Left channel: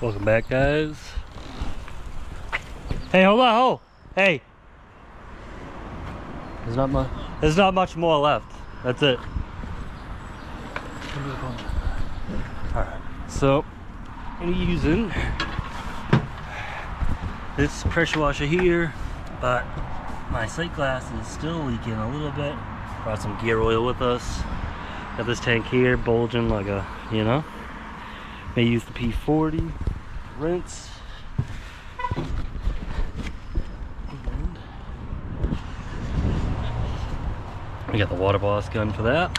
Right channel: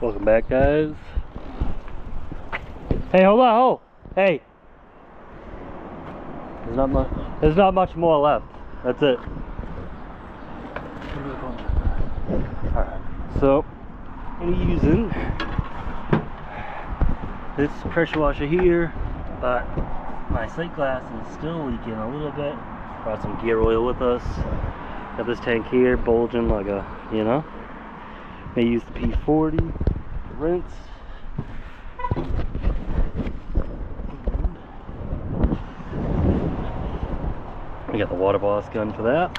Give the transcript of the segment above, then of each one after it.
Welcome back, guys. Hey, hold on, hold. Hey. There's not much more left. That's it. Alright, so I'm using this pressure washer here, but my sight glass is still leaking a little bit. Brought some gear oil with us. Got this tank here bulging like a, you know. May use the P40 rinse. We got the water boss gun for that.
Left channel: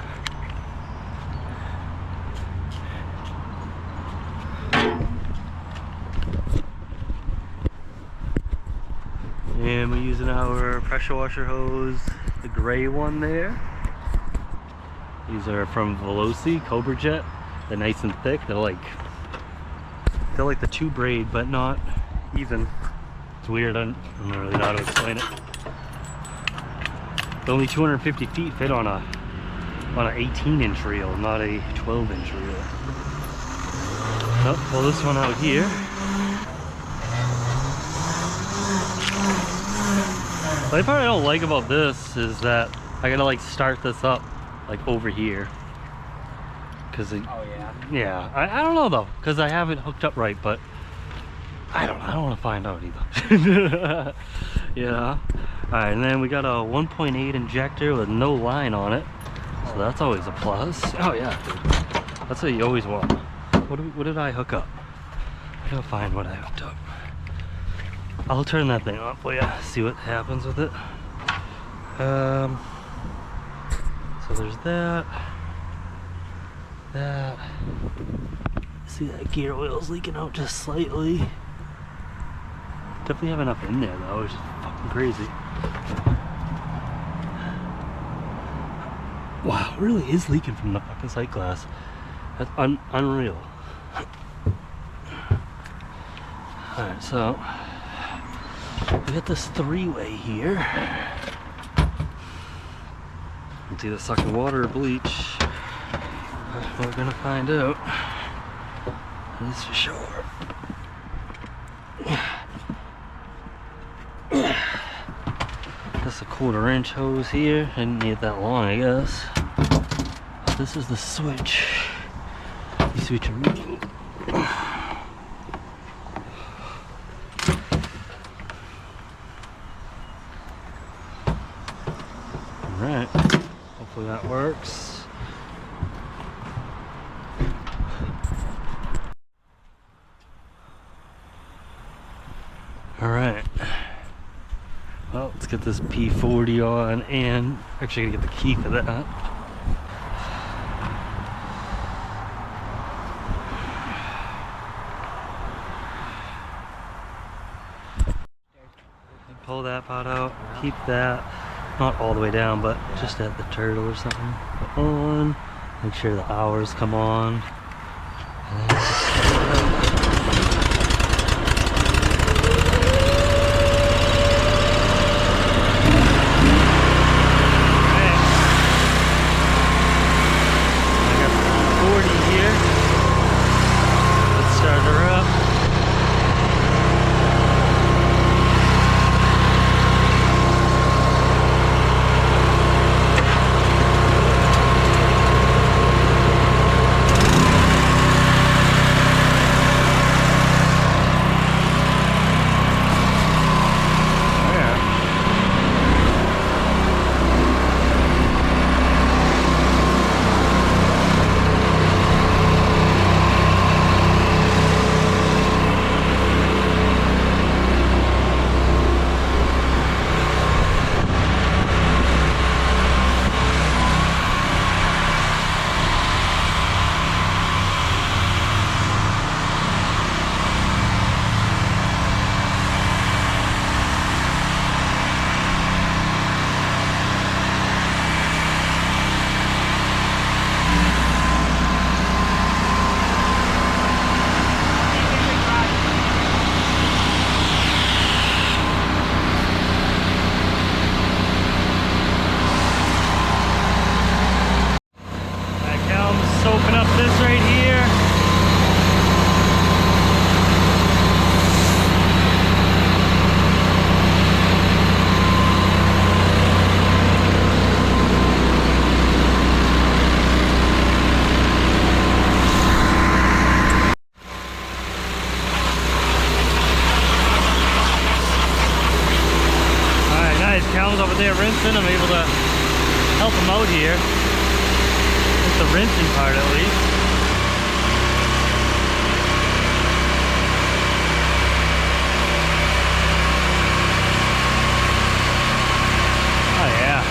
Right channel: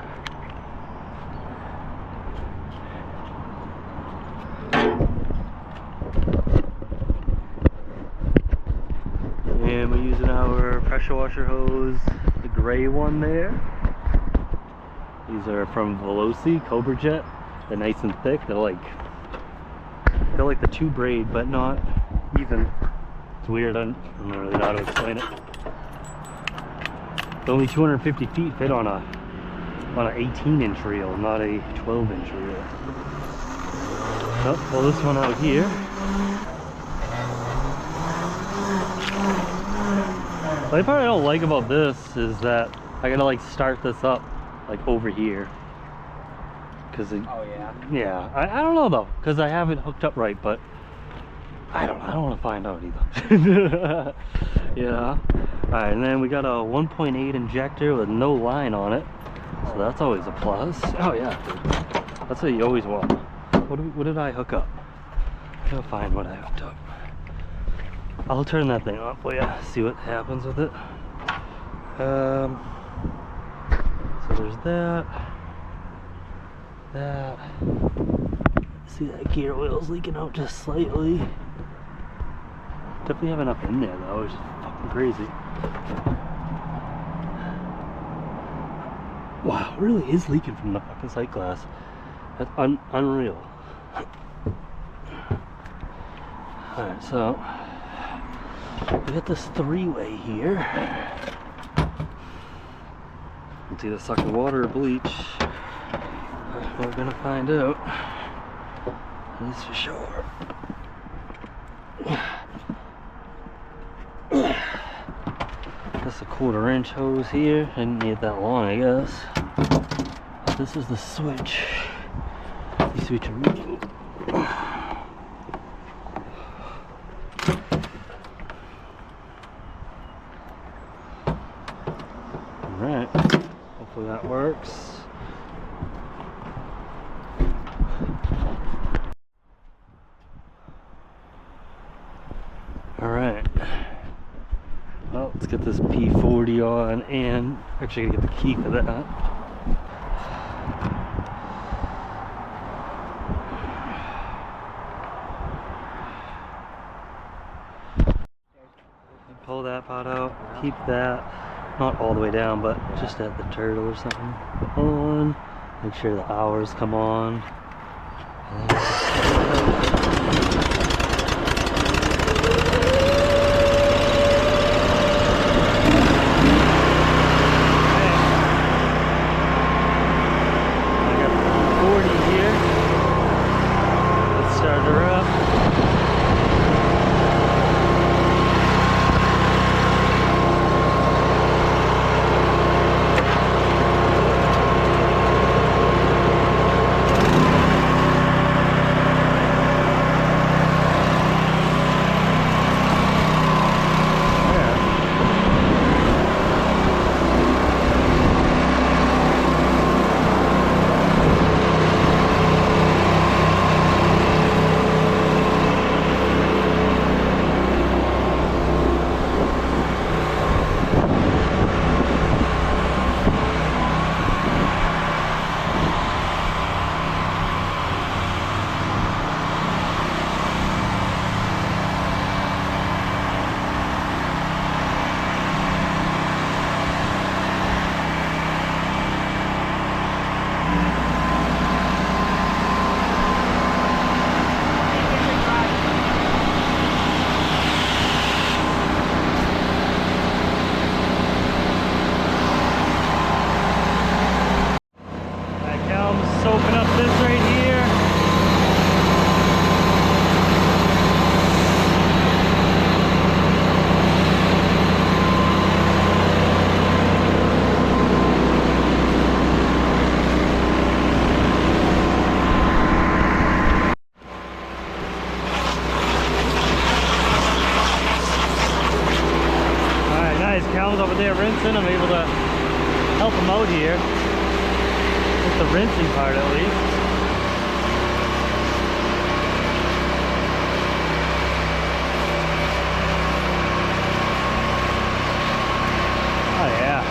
And we're using our pressure washer hose, the gray one there. These are from Veloci Cobra Jet. They're nice and thick. They're like the 2 braid, but not even. It's weird. I don't really know how to explain it. It's only 250 feet fit on an 18-inch reel, not a 12-inch reel. Oh, pull this one out here. The part I don't like about this is that I gotta like start this up like over here. Cause yeah, I don't know though, cause I have it hooked up right, but I don't want to find out either. Yeah. Alright, and then we got a 1.8 injector with no line on it, so that's always a plus. Oh yeah, dude. That's what you always want. What did I hook up? I gotta find what I hooked up. I'll turn that thing on for you, see what happens with it. So there's that. See that gear oil's leaking out just slightly. Definitely have enough in there though, it's just fucking crazy. Wow, it really is leaking from the fucking sight glass. That's unreal. Alright, so we got this 3-way here. It's either sucking water or bleach. We're gonna find out. That's for sure. That's a 1/4 inch hose here. Didn't need that long, I guess. But this is the switch. You switch it. Alright. Hopefully that works. Alright, well, let's get this P40 on, and actually I gotta get the key for that. Pull that pot out, keep that, not all the way down, but just at the turtle or something. Put on, make sure the hours come on. And then Jason, I'm able to help him out here with the rinsing part at least. Oh yeah,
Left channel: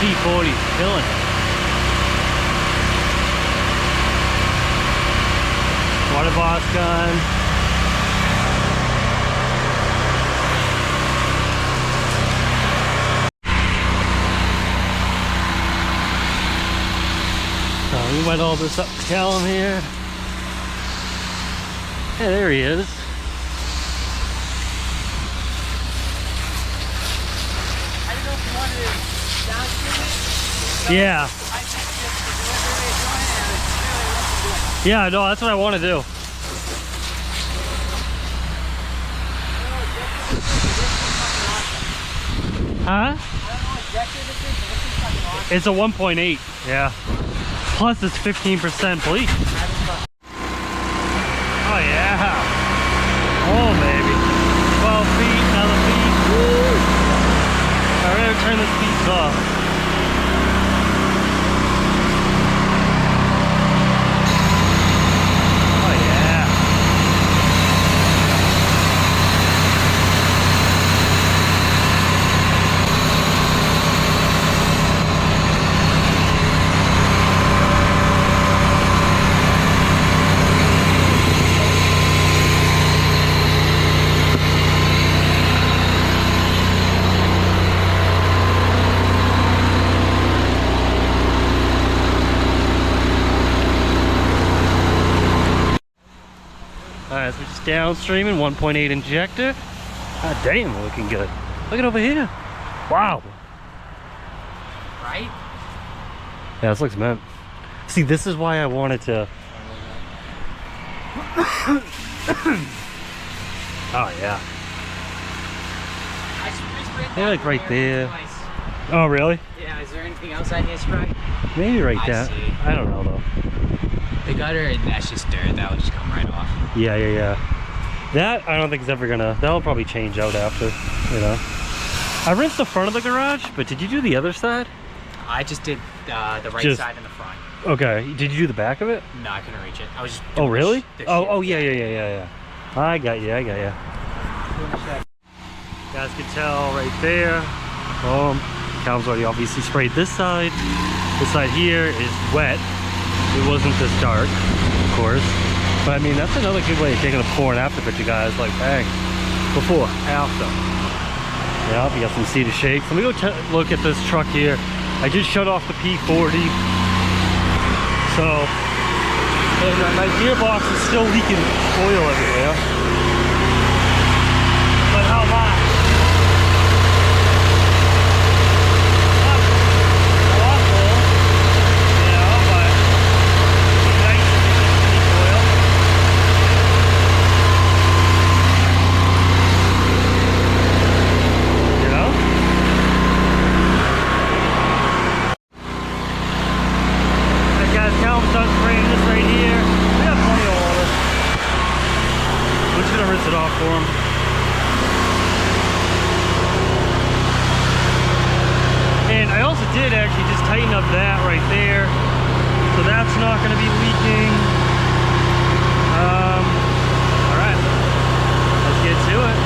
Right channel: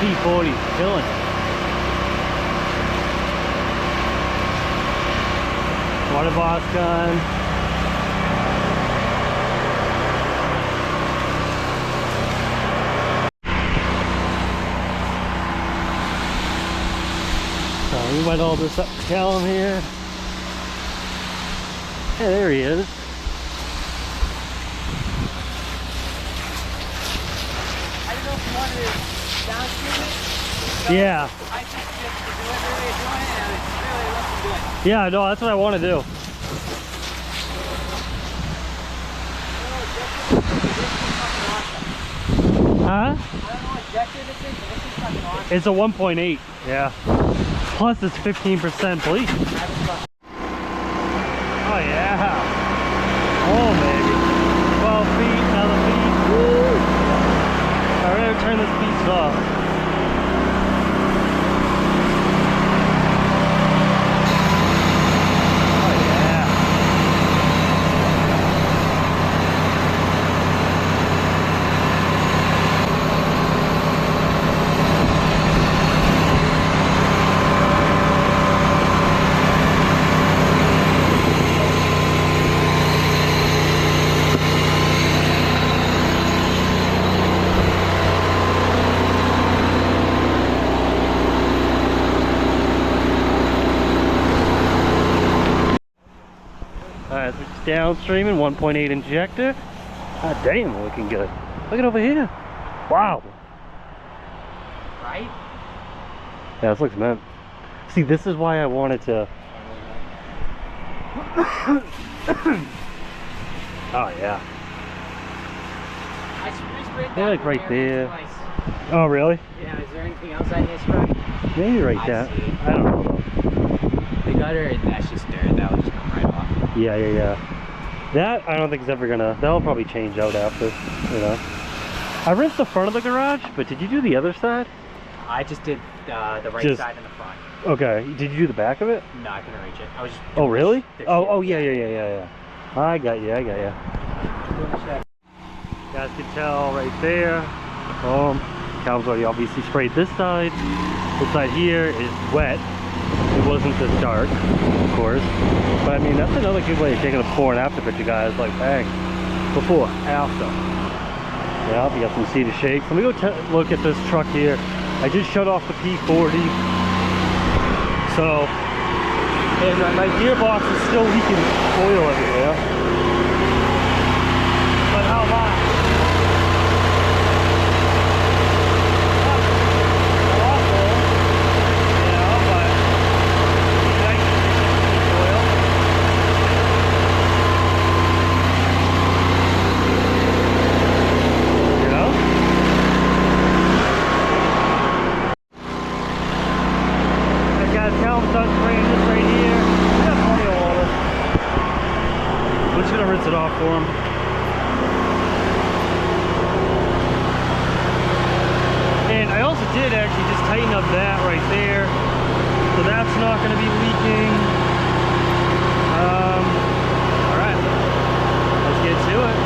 P40's killing it. Water boss gun. So we went all this up to Callum here. Hey, there he is. I don't know if you wanted to downstream it. So Yeah. I just the delivery is doing it and it's really looking good. Yeah, no, that's what I want to do. Huh? I don't know what injector this is, but this is fucking awesome. It's a 1.8, yeah. Plus it's 15% bleach. Oh yeah. Oh baby. 12 feet, another feet. Woo! Alright, we're gonna turn this piece off. Alright, so just downstreaming, 1.8 injector. God damn, looking good. Look at over here. Wow. Right? Yeah, this looks mint. See, this is why I wanted to. Oh yeah. I sprayed that. Yeah, like right there. Twice. Oh really? Yeah, is there anything else I need to spray? Maybe right I there. see. I don't know though. The gutter, that's just dirt. That will just come right off. Yeah, yeah, yeah. That I don't think is ever gonna. That'll probably change out after, you know. I rinsed the front of the garage, but did you do the other side? I just did the right Just- side and the front. Okay. Did you do the back of it? No, I couldn't reach it. I was just Oh doing really? the Oh shit. yeah, yeah, yeah, yeah, yeah. I got you. I got you. You guys can tell right there. Calum's already obviously sprayed this side. This side here is wet. It wasn't this dark, of course. But I mean, that's another good way of taking a before and after picture, guys. Like, bang, before, after. Yeah, we got some cedar shakes. Let me go look at this truck here. I just shut off the P40. So, and my gearbox is still leaking oil everywhere. But how much? Rinse it off for him. And I also did actually just tighten up that right there, so that's not going to be leaking. All right, let's get to it.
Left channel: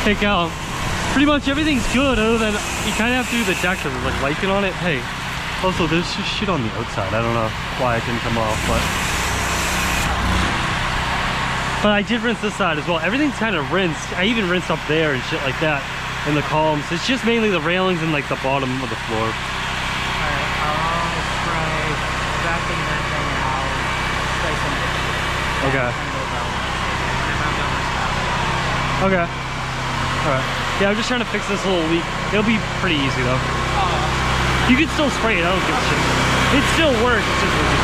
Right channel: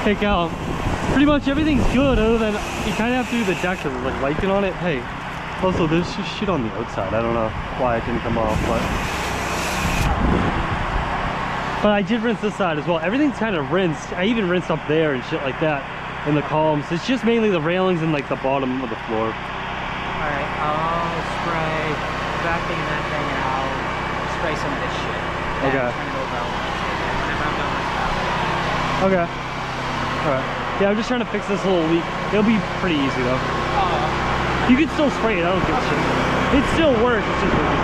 Hey Cal, pretty much everything's good other than you kind of have to do the deck because there's like lichen on it. Hey, also there's just shit on the outside. I don't know why it didn't come off, but I did rinse this side as well. Everything's kind of rinsed. I even rinsed up there and shit like that in the columns. It's just mainly the railings and like the bottom of the floor. Alright, I'll spray vacuum that thing and I'll spray some of this shit. Okay. Whenever I'm done with stuff. Okay. Alright. Yeah, I'm just trying to fix this little leak. It'll be pretty easy though. You can still spray it, I don't give a shit. It still works, it's just leaky.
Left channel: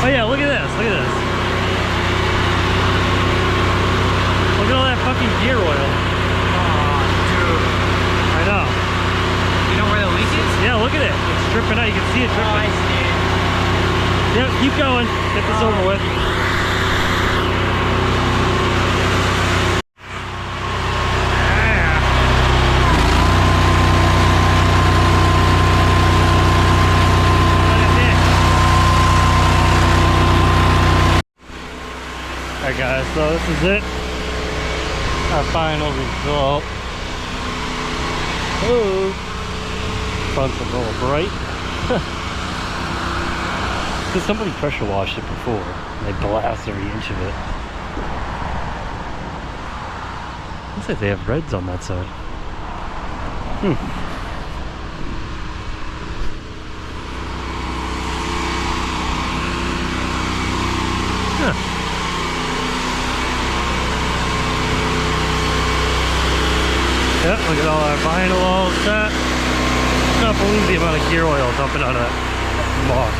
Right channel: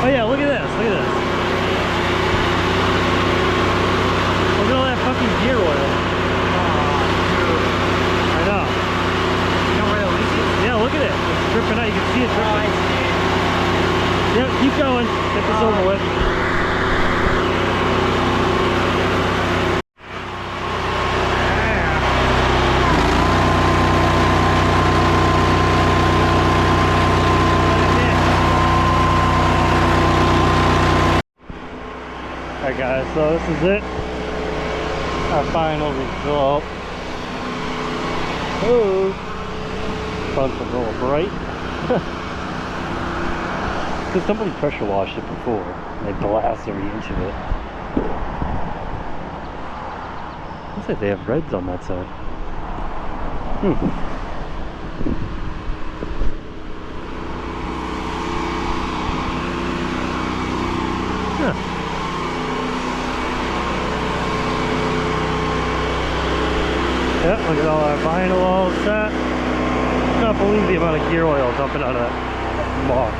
Oh yeah, look at this, look at this. Look at all that fucking gear oil. Dude. I know. You know where the leak is? Yeah, look at it. It's dripping out, you can see it dripping. Oh, I see it. Yep, keep going. Get this over with. Alright guys, so this is it. Our final result. Oh, front's a little bright. Because somebody pressure washed it before. They blast every inch of it. Looks like they have reds on that side. Huh. Yep, look at all our vinyl all set. Can't believe the amount of gear oil dumping out of that mock.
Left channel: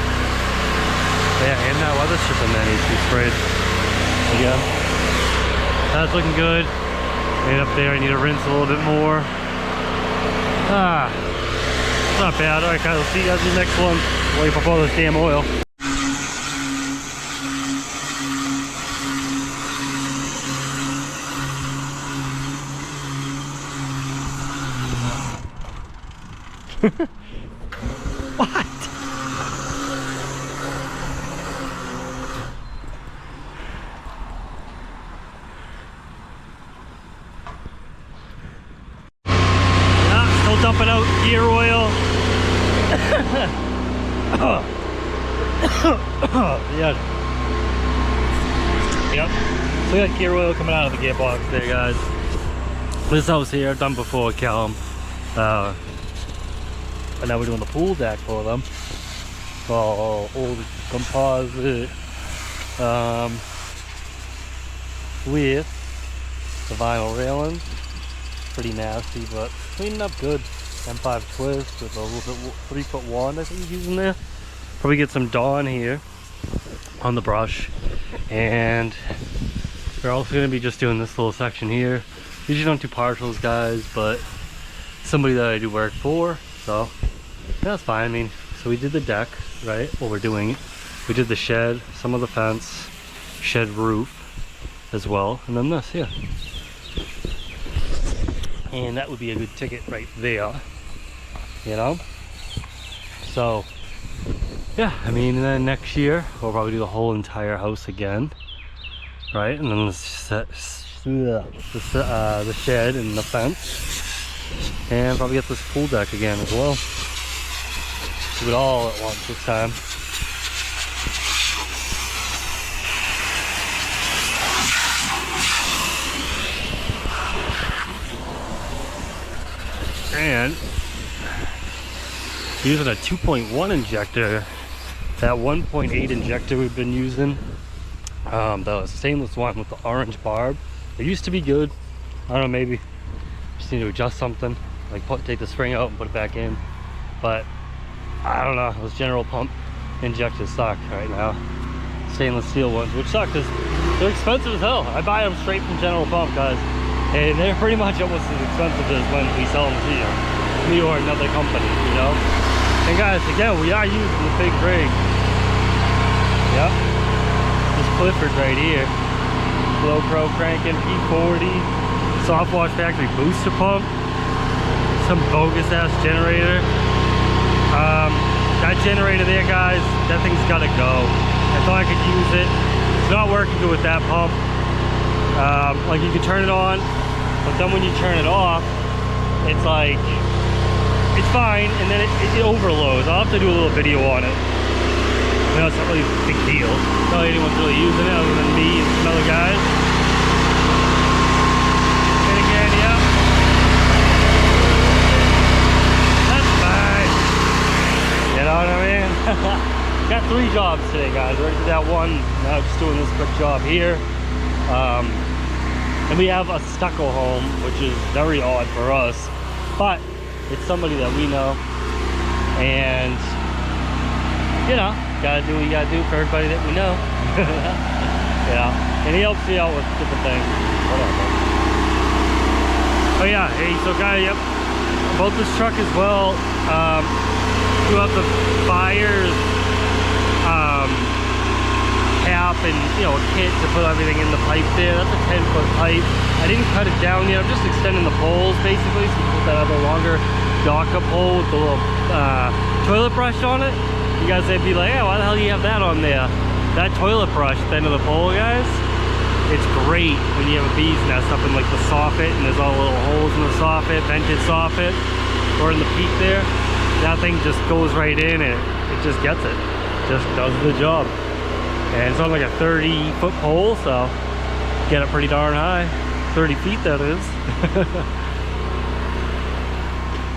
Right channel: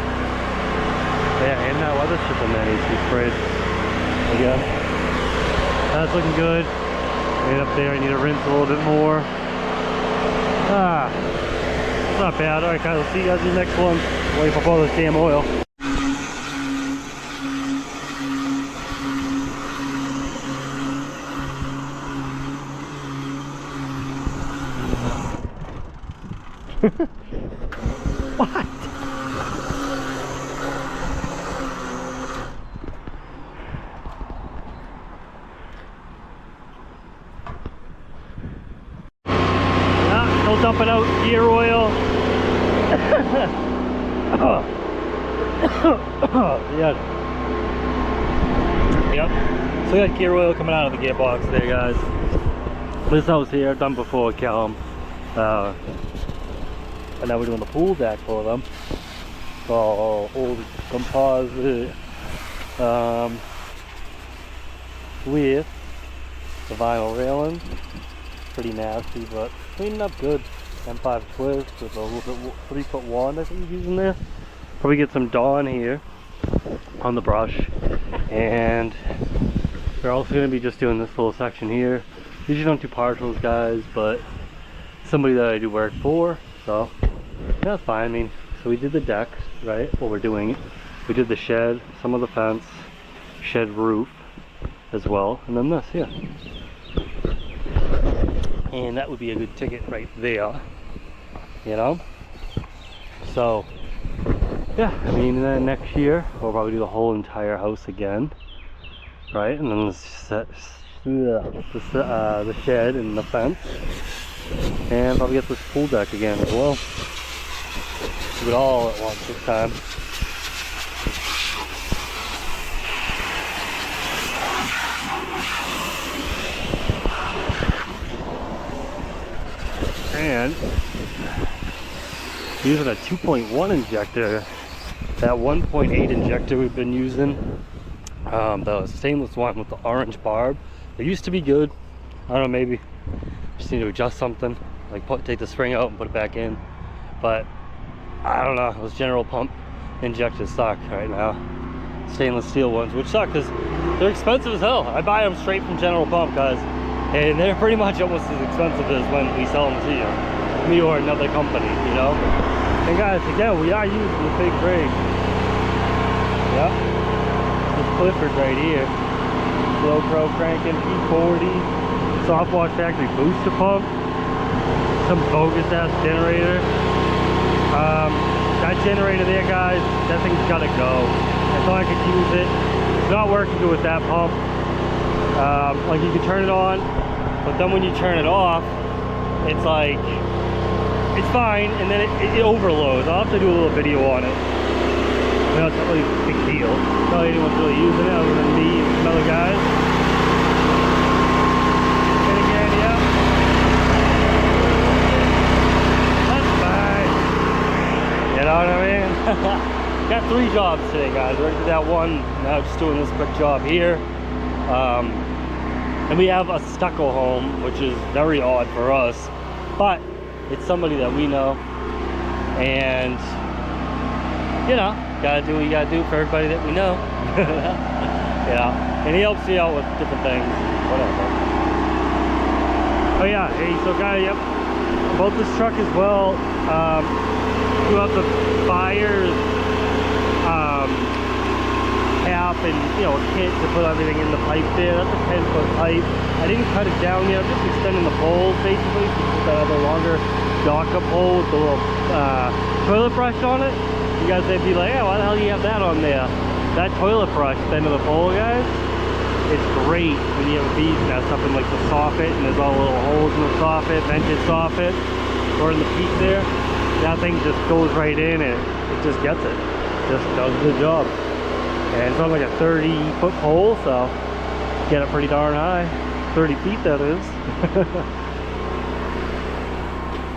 Yeah, and that weather strip in that needs to be sprayed again. That's looking good. Right up there, I need to rinse a little bit more. It's not bad. Alright guys, I'll see you guys in the next one. Wait for all this damn oil. What? Still dumping out gear oil. Yeah. Yep. So we got gear oil coming out of the gearbox there, guys. This house here I've done before with Callum. And now we're doing the pool deck for them. Old composite with the vinyl railing. Pretty nasty, but cleaning up good. M5 twist with a little bit 3-foot wand I think he's using there. Probably get some Dawn here on the brush. And we're also going to be just doing this little section here. Usually don't do partials, guys, but somebody that I do work for, so that's fine. I mean, so we did the deck, right? Well, we're doing it. We did the shed, some of the fence, shed roof as well, and then this, yeah. And that would be a good ticket right there, you know? So, yeah, I mean, then next year, we'll probably do the whole entire house again, right? And then the shed and the fence. And probably get this pool deck again as well. Do it all at once this time. And using a 2.1 injector, that 1.8 injector we've been using, the stainless one with the orange barb. It used to be good. I don't know, maybe just need to adjust something, like take the spring out and put it back in. But I don't know, those general pump injectors suck right now. Stainless steel ones, which suck because they're expensive as hell. I buy them straight from General Pump, guys, and they're pretty much almost as expensive as when we sell them to you, me or another company, you know. And guys, again, we are using the big rig. Yep, this Clifford right here, low pro cranking P40 soft wash factory booster pump, some bogus ass generator. That generator there, guys, that thing's gotta go. I thought I could use it. It's not working good with that pump. Like, you can turn it on, but then when you turn it off, it's like, it's fine, and then it overloads. I'll have to do a little video on it. You know, it's not really a big deal. Not anyone's really using it other than me and some other guys. And again, yeah. That's fine. You know what I mean? Got 3 jobs today, guys. Already did that one. Now just doing this quick job here. And we have a stucco home, which is very odd for us, but it's somebody that we know, and you know, gotta do what you gotta do for everybody that we know. You know, and he helps me out with different things, whatever. Oh yeah, hey, so guys, yep, about this truck as well, you have the buyer's cap and, you know, a kit to put everything in the pipe there. That's a 10-foot pipe. I didn't cut it down yet. I'm just extending the poles basically, so you put that other longer Docker pole with the little toilet brush on it. You guys would be like, yeah, why the hell do you have that on there? That toilet brush at the end of the pole, guys, it's great when you have a bee's nest up in like the soffit, and there's all little holes in the soffit, vented soffit, or in the peak there. That thing just goes right in and it just gets it. Just does the job. And it's on like a 30-foot pole, so get it pretty darn high. 30 feet, that is.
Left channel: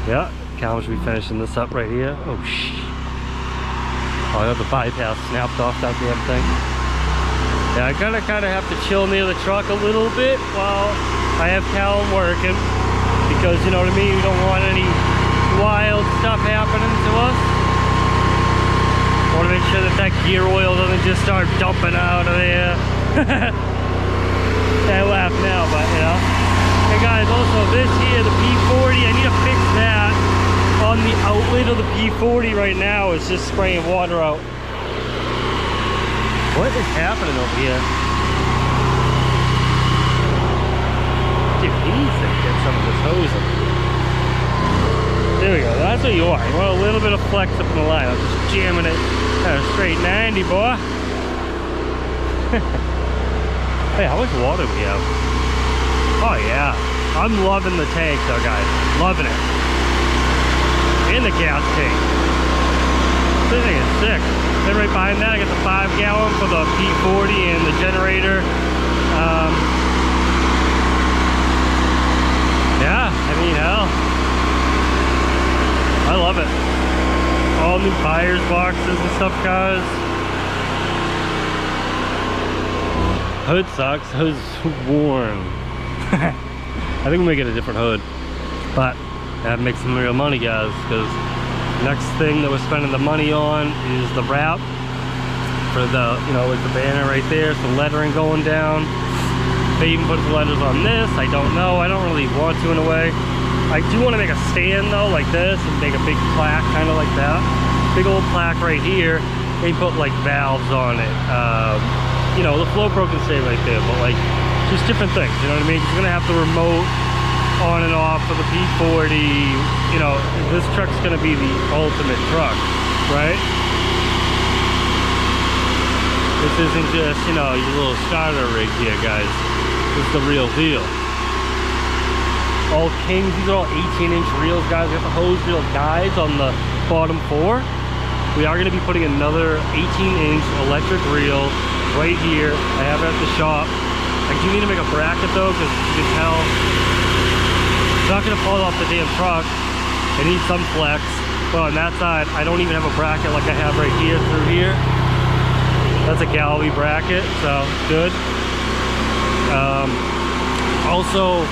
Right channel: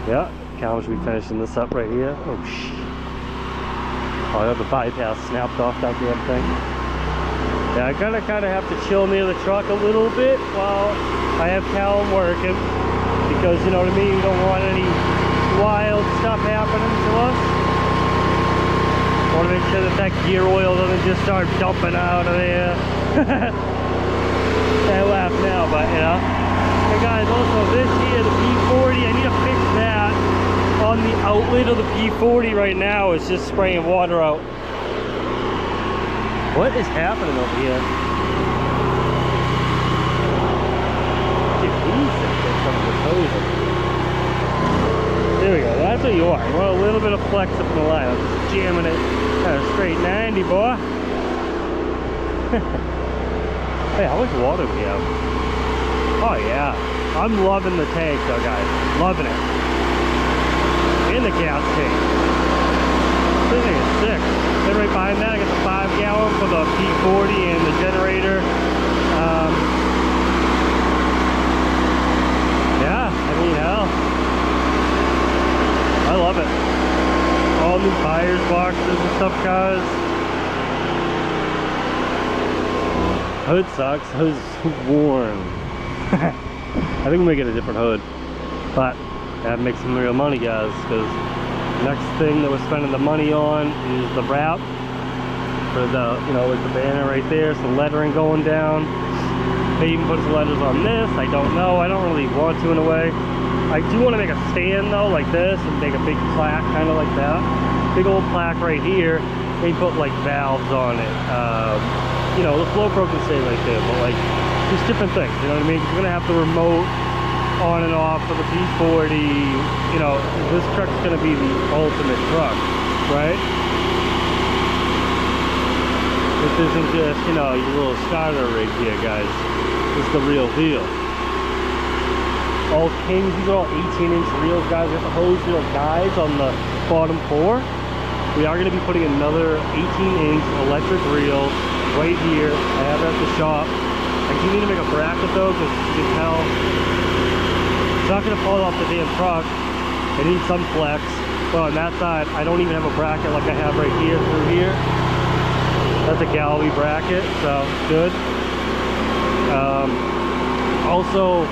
Yeah, Cal should be finishing this up right here. Oh, shit. Oh, I have the bypass snapped off that damn thing. Yeah, I kind of have to chill near the truck a little bit while I have Cal working, because, you know what I mean, we don't want any wild stuff happening to us. I want to make sure that that gear oil doesn't just start dumping out of there. I laugh now, but you know. Hey guys, also this here, the P40, I need to fix that. On the outlet of the P40 right now, it's just spraying water out. What is happening over here? Dude, he needs to get some of this hose. There we go, that's what you are. You want a little bit of flex up in the line. I'm just jamming it at a straight 90, boy. Hey, how much water do we have? Oh yeah, I'm loving the tank though, guys. Loving it. And the gas tank. This thing is sick. Then right behind that, I got the 5-gallon for the P40 and the generator. Yeah, I mean, hell. I love it. All new buyer's boxes and stuff, guys. Hood sucks. Hood's worn. I think we may get a different hood, but that makes some real money, guys, because next thing that we're spending the money on is the wrap for the, you know, with the banner right there, some lettering going down. They even put the letters on this. I don't know. I don't really want to in a way. I do want to make a stand though, like this, and make a big plaque, kind of like that. Big old plaque right here. They put like valves on it. You know, the flow pro can stay right there, but like just different things. You know what I mean? You're gonna have the remote on and off for the P40. You know, this truck's gonna be the ultimate truck, right? This isn't just, you know, your little starter rig here, guys. This is the real deal. All Kings, these are all 18-inch reels, guys. We got the hose reel guides on the bottom 4. We are going to be putting another 18-inch electric reel right here. I have it at the shop. I do need to make a bracket though, because you can tell it's not going to fall off the damn truck. It needs some flex. But on that side, I don't even have a bracket like I have right here through here. That's a gallery bracket, so good. Also,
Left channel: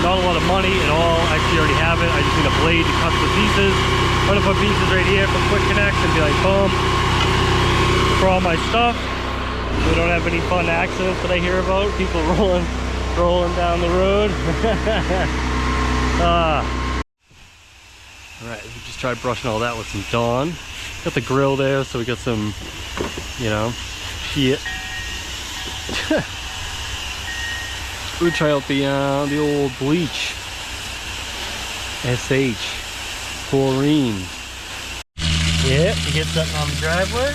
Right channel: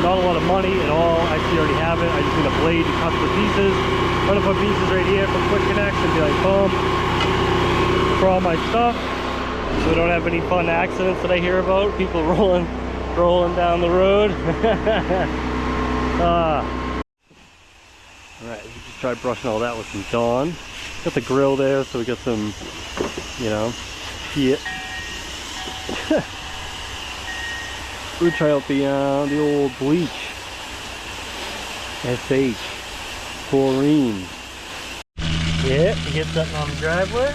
not a lot of money at all. I actually already have it. I just need a blade to cut the pieces. I'm gonna put pieces right here for quick connect and be like, boom, for all my stuff. We don't have any fun accidents that I hear about. People rolling down the road. All right, we just tried brushing all that with some Dawn. Got the grill there, so we got some, you know, shit. We try out the old bleach, SH, chlorine. Yeah, we get something on the driveway.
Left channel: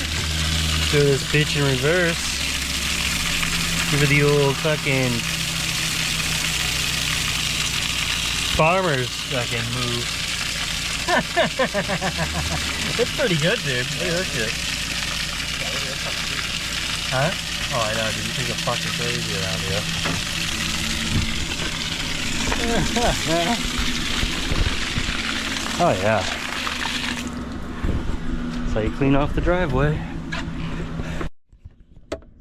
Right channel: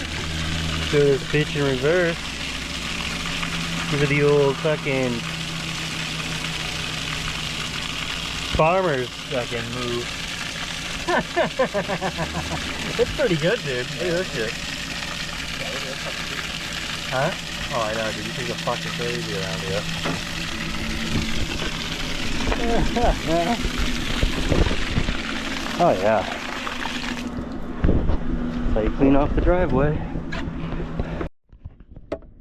Do this bitch in reverse. Give it the old fucking farmer's fucking move. It's pretty good, dude. Look at this shit. Huh? Oh, I know, dude. You think it's fucking crazy around here. Oh, yeah. That's how you clean off the driveway.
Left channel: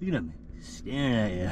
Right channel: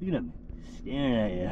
Look at him staring at you.